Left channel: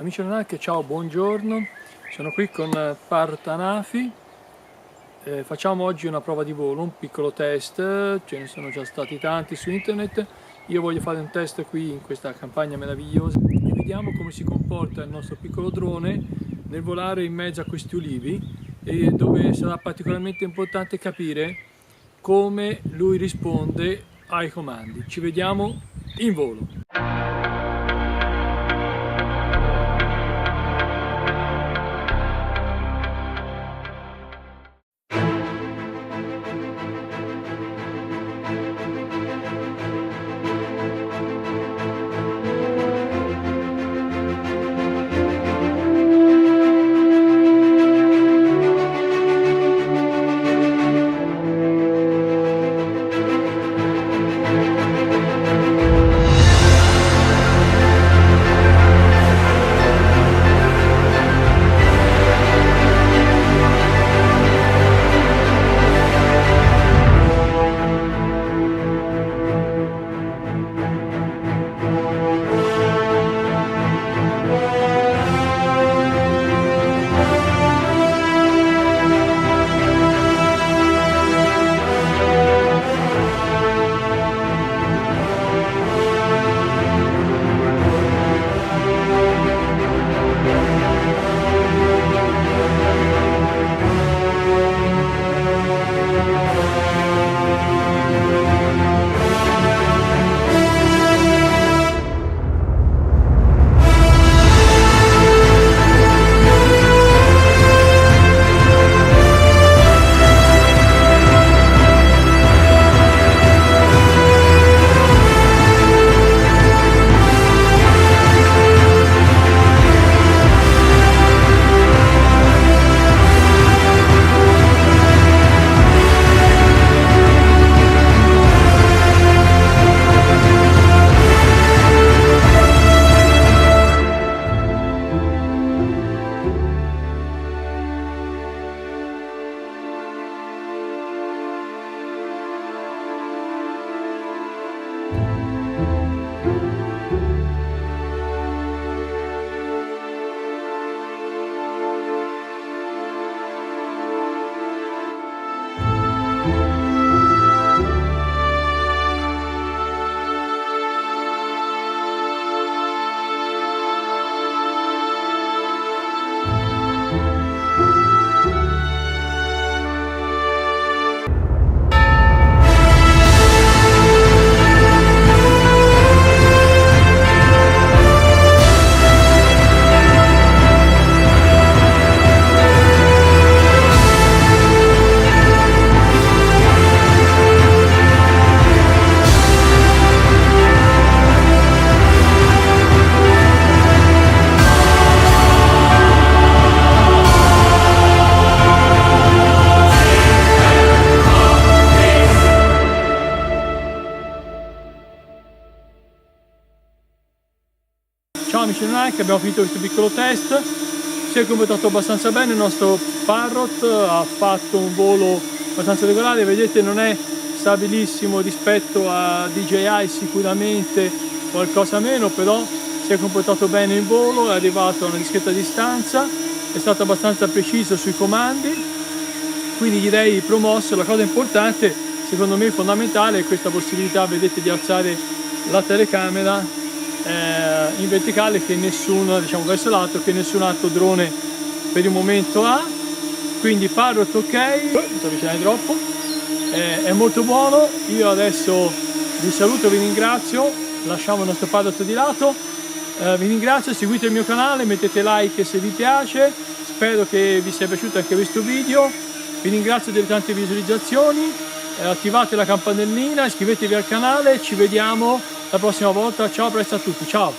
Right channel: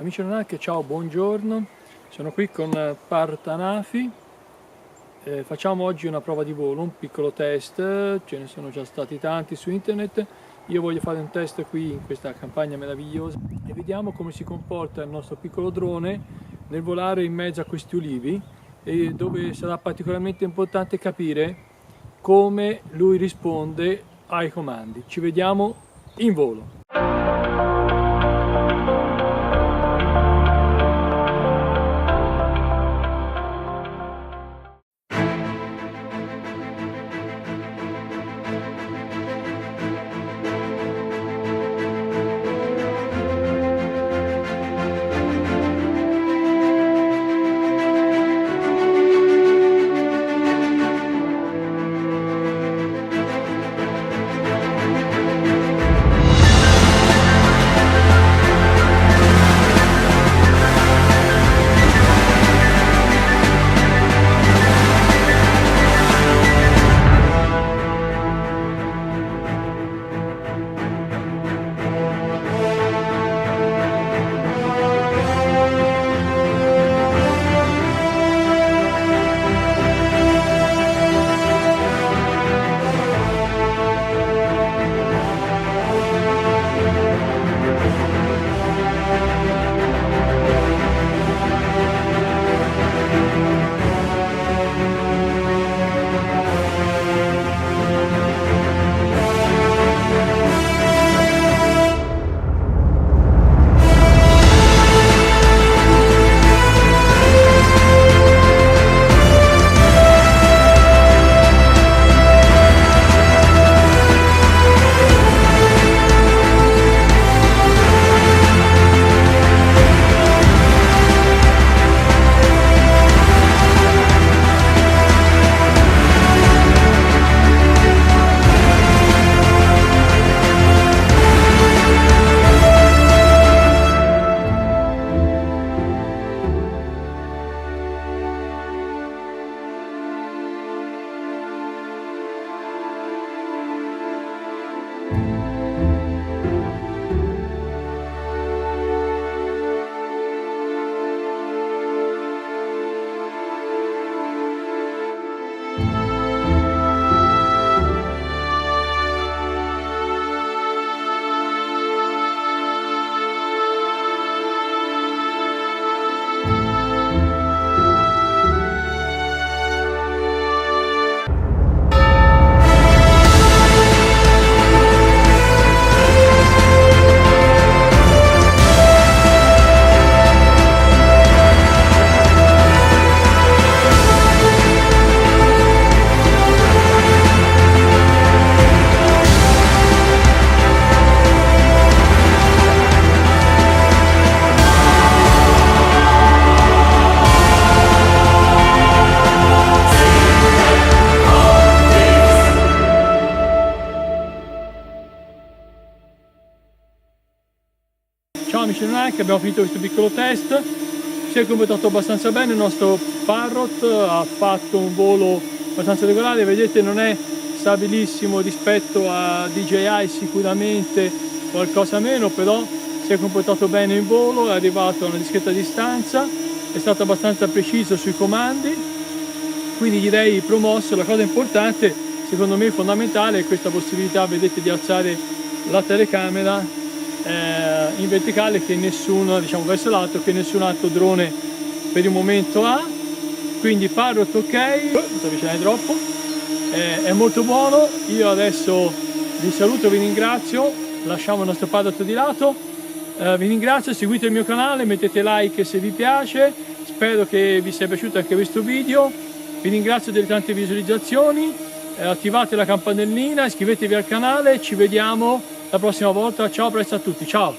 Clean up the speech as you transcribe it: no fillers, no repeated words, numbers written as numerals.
Amici Anunnaki, ciao, buongiorno. Sono qui con Parrot Anafi. Facciamo oggi una prova di volo, un piccolo test. Ce ne sono già stati tanti su internet. Io voglio fare un test qui in questa campagna meravigliosa e vediamo come si comporta il nostro piccolo drone nel volare in mezzo a questi ulivi, e dove sarà particolarmente importante capire come lui risponde ai comandi. Ci vediamo in volo. Ciao amici Anunnaki, abbiamo finito questo piccolo test, si è comportato abbastanza bene, il nostro Parrot ha fatto un volo abbastanza regolare, vedete non è stabilissimo rispetto a DJI, sicuramente qualcosa meno, però si è comportato bene in volo, è arrivato a una discreta distanza, è stato abbastanza preciso sui comandi, quindi direi promosso. La cosa importante, secondo me fondamentale, è questa possibilità, vedete, di alzare la telecamera in verticale, che nessuno, diciamo verso l'alto, che nessun altro drone per il momento ha. Quindi Parrot ok, non ti avvicinare troppo, è molto buono. Io adesso vi saluto, vi ringrazio, lasciamo il nostro Parrot di lato, vi ringrazio, seguite il mio canale, mettete like se vi piace, spero che vi sia piaciuto anche questo video, vi ringrazio delle tante visualizzazioni, attivate la campanellina, iscrivetevi al canale, ci vediamo la prossima volta. Ciao, presto a tutti, ciao!